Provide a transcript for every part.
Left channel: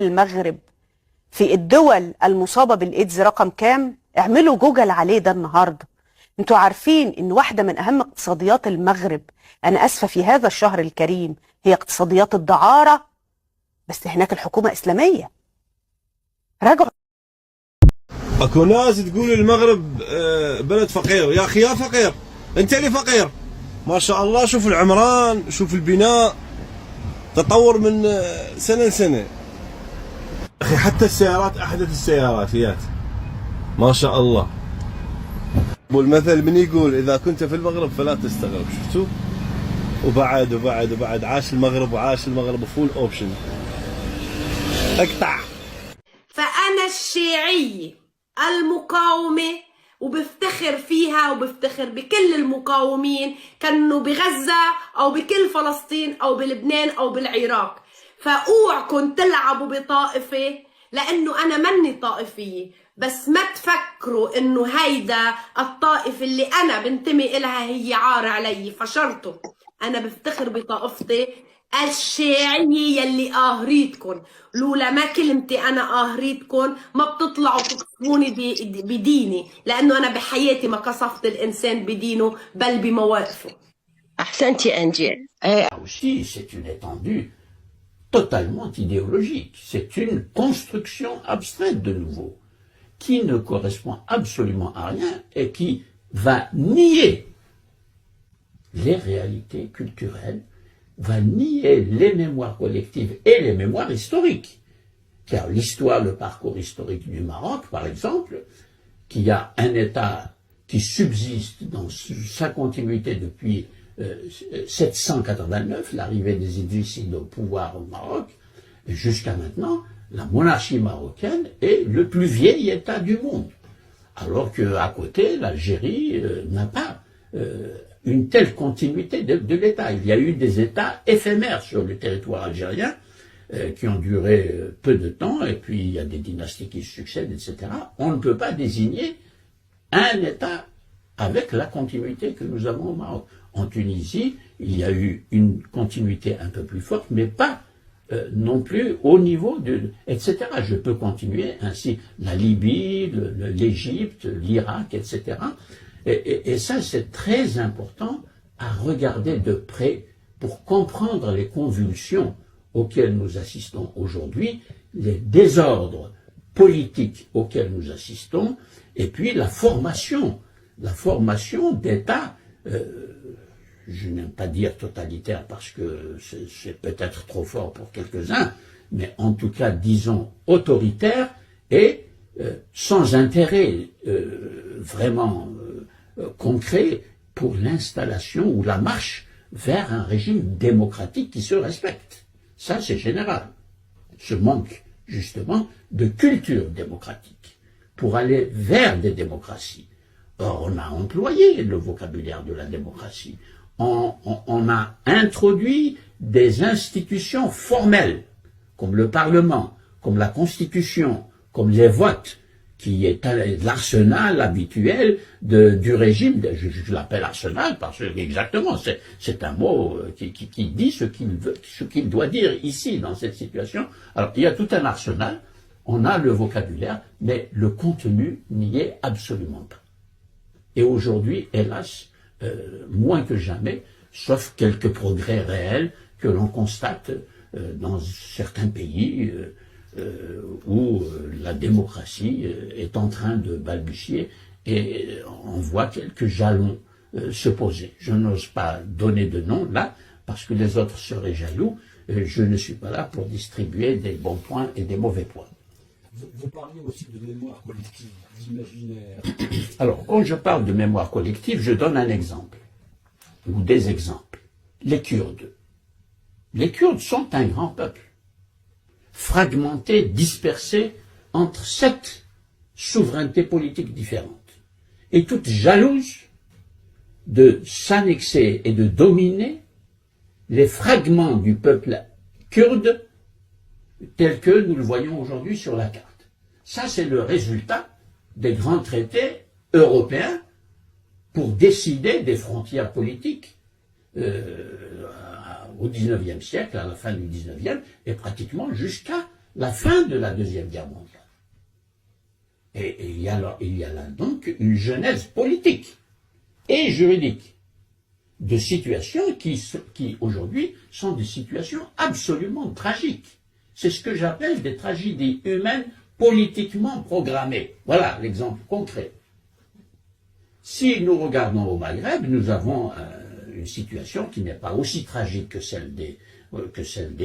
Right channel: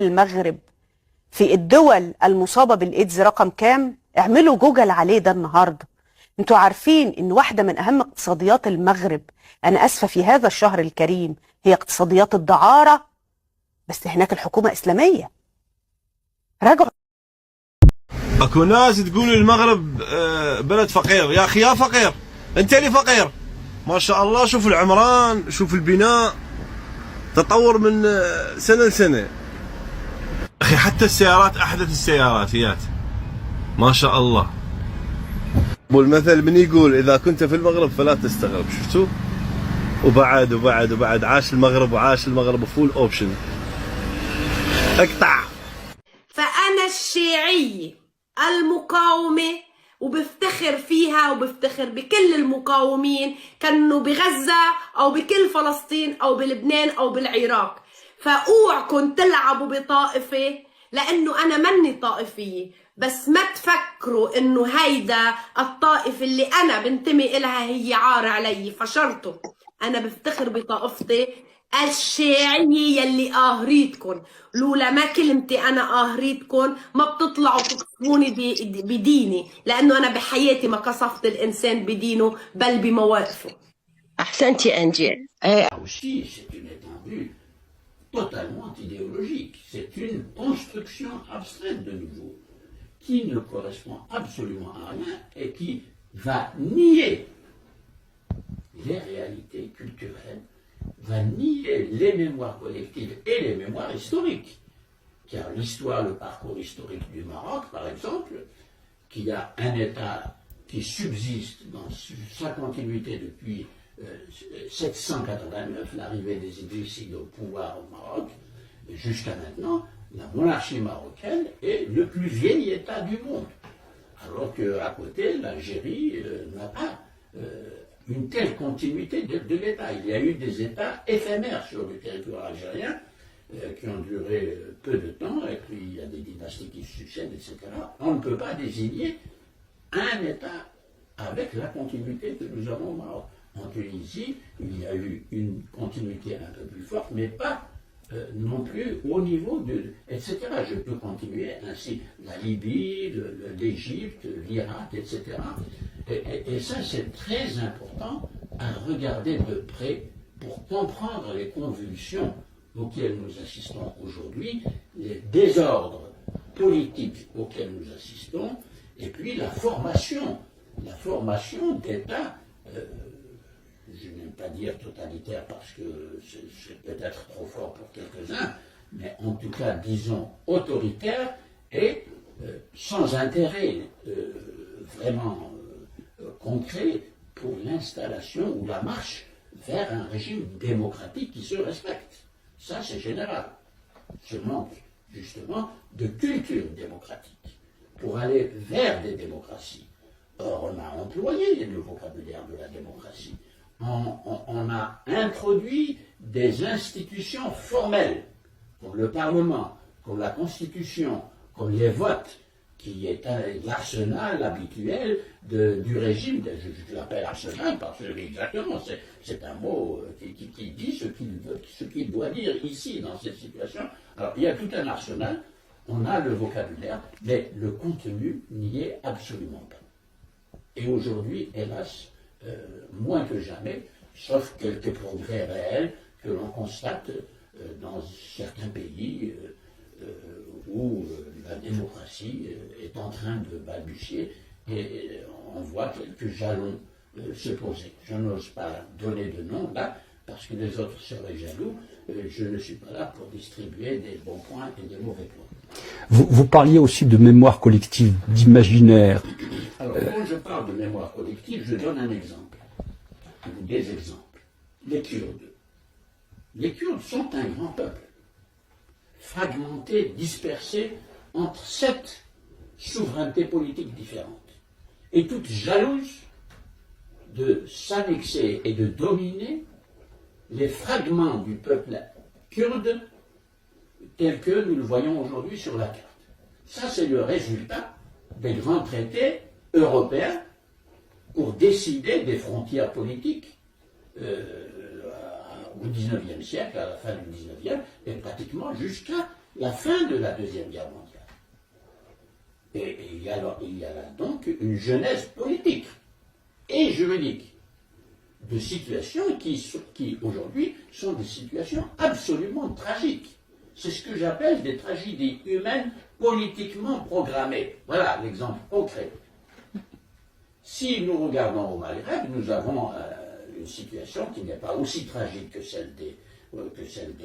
المغرب في الدول المصابة بالإيدز رقم كام؟ اعملوا جوجل عليه ده النهاردة. انتوا عارفين ان واحدة من اهم اقتصاديات المغرب، انا اسفة في هذا الشهر الكريم، هي اقتصاديات الدعارة، بس هناك الحكومة اسلامية. راجعوا. اكو ناس تقول المغرب بلد فقير. يا اخي يا فقير، انت اللي فقير. ما شاء الله، شوف العمران، شوف البناء، تطور من سنة لسنة. اخي حتى السيارات احدث السيارات هيات، ما شاء الله. والمثل من يقول اذا كنت في المغرب فلا تستغرب. شفتوا؟ وبعد عاش المغرب وعاش المغرب فول اوبشن. اقطع. فأنا الشيعية المقاومة، وبفتخر فيها وبفتخر بكل المقاومين كانوا بغزة أو بكل فلسطين أو بلبنان أو بالعراق. فأوعكم تلعبوا بطائفة، لأنه أنا مني طائفية، بس ما تفكروا إنه هيدا الطائفة اللي أنا بنتمي إلها هي عار علي. فشرطوا، أنا بفتخر بطائفتي الشيعية يلي قاهريتكن. لولا ما كلمتي أنا قاهريتكن ما بتطلعوا تقصفوني بديني، لأنه أنا بحياتي ما قصفت الإنسان بدينه بل بمواقفه. أحسنتي أنجي. Aussi, c'est une étendue totalement idéologique. C'est une construction abstraite de nouveau, qui ne correspond absolument à rien et qui va nier les réalités culturelles, va nier les mémoires collectives et les mémoires historiques. Car l'histoire, le parcours historique du Maroc, par exemple, qui a un État qui subsiste dans sa continuité depuis 789, l'arrivée des Idrissides au pouvoir au Maroc, jusqu'à maintenant, la monarchie marocaine est le plus vieil État du monde. Alors qu'à côté, l'Algérie n'a pas une telle continuité de l'État. Il y a eu des États éphémères sur le territoire algérien qui ont duré peu de temps, et puis il y a des dynasties qui succèdent, etc. On ne peut pas désigner un État avec la continuité que nous avons au Maroc. En Tunisie, il y a eu une continuité un peu plus forte, mais pas non plus au niveau de... etc. Je peux continuer ainsi. La Libye, l'Égypte, l'Irak, etc. Et ça, c'est très important à regarder de près pour comprendre les convulsions auxquelles nous assistons aujourd'hui, les désordres politiques auxquels nous assistons, et puis la formation d'États, je n'aime pas dire totalitaire parce que c'est peut-être trop fort pour quelques-uns, mais en tout cas, disons, autoritaire et sans intérêt vraiment concret pour l'installation ou la marche vers un régime démocratique qui se respecte. Ça, c'est général. Ce manque, justement, de culture démocratique pour aller vers des démocraties. Or, on a employé le vocabulaire de la démocratie. On a introduit des institutions formelles, comme le Parlement, comme la Constitution, comme les votes, qui est l'arsenal habituel du régime. Je l'appelle arsenal parce que, exactement, c'est un mot qui dit ce qu'il doit dire ici, dans cette situation. Alors, il y a tout un arsenal, on a le vocabulaire, mais le contenu n'y est absolument pas. Et aujourd'hui, hélas, moins que jamais, sauf quelques progrès réels que l'on constate dans certains pays où la démocratie est en train de balbutier et on voit quelques jalons se poser. Je n'ose pas donner de nom là, parce que les autres seraient jaloux. Je ne suis pas là pour distribuer des bons points et des mauvais points. Vous parliez aussi de mémoire collective, d'imaginaire. Alors, quand je parle de mémoire collective, je donne un exemple, ou des exemples. Les Kurdes. Les Kurdes sont un grand peuple, fragmenté, dispersé entre 7 souverainetés politiques différentes, et toutes jalouses de s'annexer et de dominer les fragments du peuple kurde tel que nous le voyons aujourd'hui sur la carte. Ça, c'est le résultat des grands traités européens pour décider des frontières politiques au XIXe siècle, à la fin du XIXe, et pratiquement jusqu'à la fin de la Deuxième Guerre mondiale. Et il y a là donc une genèse politique et juridique de situations qui aujourd'hui sont des situations absolument tragiques. C'est ce que j'appelle des tragédies humaines politiquement programmées. Voilà l'exemple concret. Si nous regardons au Maghreb, nous avons une situation qui n'est pas aussi tragique que celle des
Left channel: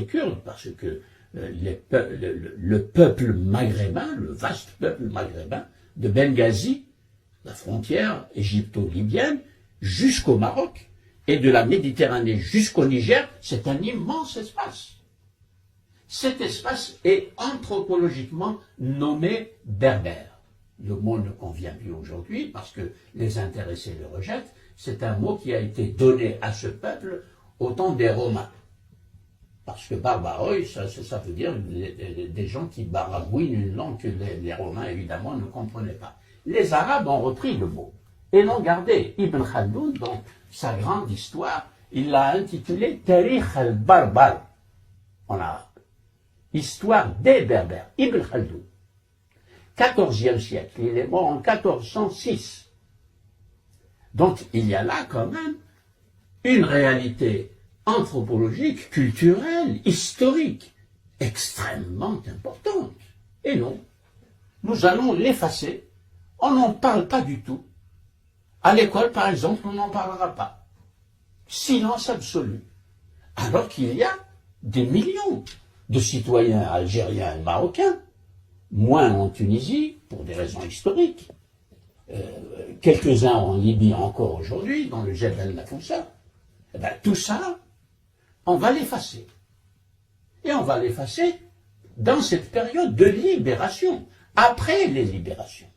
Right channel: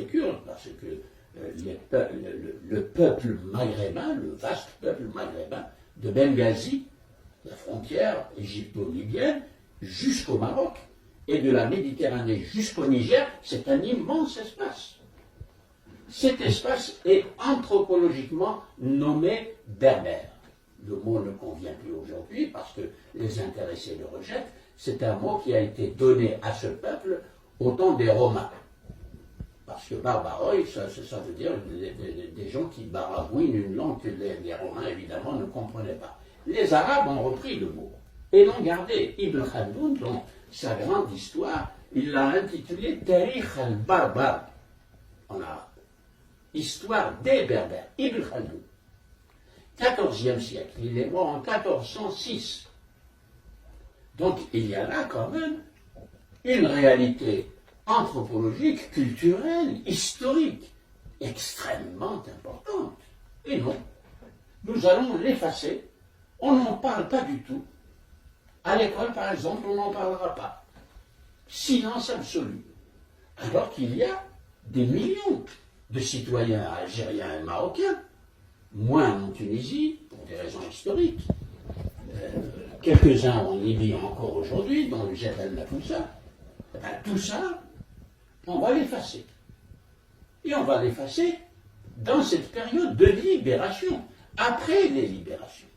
Kurdes, parce que le peuple maghrébin, le vaste peuple maghrébin, de Benghazi, la frontière égypto-libyenne, jusqu'au Maroc, et de la Méditerranée jusqu'au Niger, c'est un immense espace. Cet espace est anthropologiquement nommé berbère. Le mot ne convient plus aujourd'hui parce que les intéressés le rejettent. C'est un mot qui a été donné à ce peuple au temps des Romains. Parce que barbaroi, ça veut dire des gens qui baragouinent une langue que les Romains, évidemment, ne comprenaient pas. Les Arabes ont repris le mot et l'ont gardé. Ibn Khaldoun, dans sa grande histoire, il l'a intitulé Tarikh al-Barbar en arabe. Histoire des Berbères. Ibn Khaldoun. 14e siècle. Il est mort en 1406. Donc il y a là quand même une réalité anthropologique, culturelle, historique, extrêmement importante. Et non, nous allons l'effacer. On n'en parle pas du tout. À l'école, par exemple, on n'en parlera pas. Silence absolu. Alors qu'il y a des millions de citoyens algériens et marocains, moins en Tunisie, pour des raisons historiques, quelques-uns en Libye encore aujourd'hui, dans le Jebel Nafoussa. Eh bien, tout ça, on va l'effacer. Et on va l'effacer dans cette période de libération, après les libérations.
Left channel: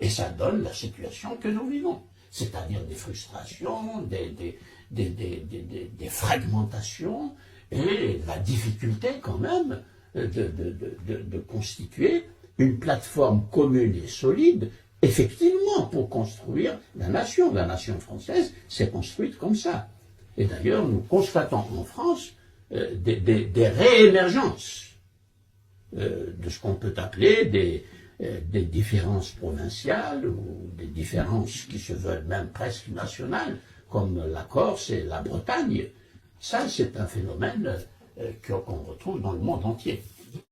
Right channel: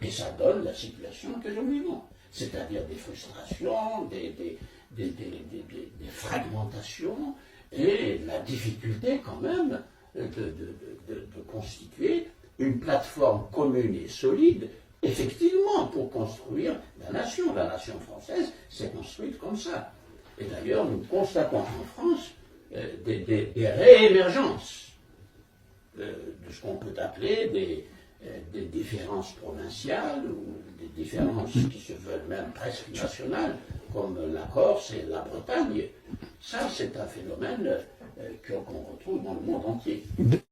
Et ça donne la situation que nous vivons, c'est-à-dire des frustrations, des fragmentations, et la difficulté quand même de constituer une plateforme commune et solide, effectivement, pour construire la nation. La nation française s'est construite comme ça. Et d'ailleurs, nous constatons en France des réémergences de ce qu'on peut appeler des différences provinciales ou des différences qui se veulent même presque nationales, comme la Corse et la Bretagne. Ça, c'est un phénomène qu'on retrouve dans le monde entier.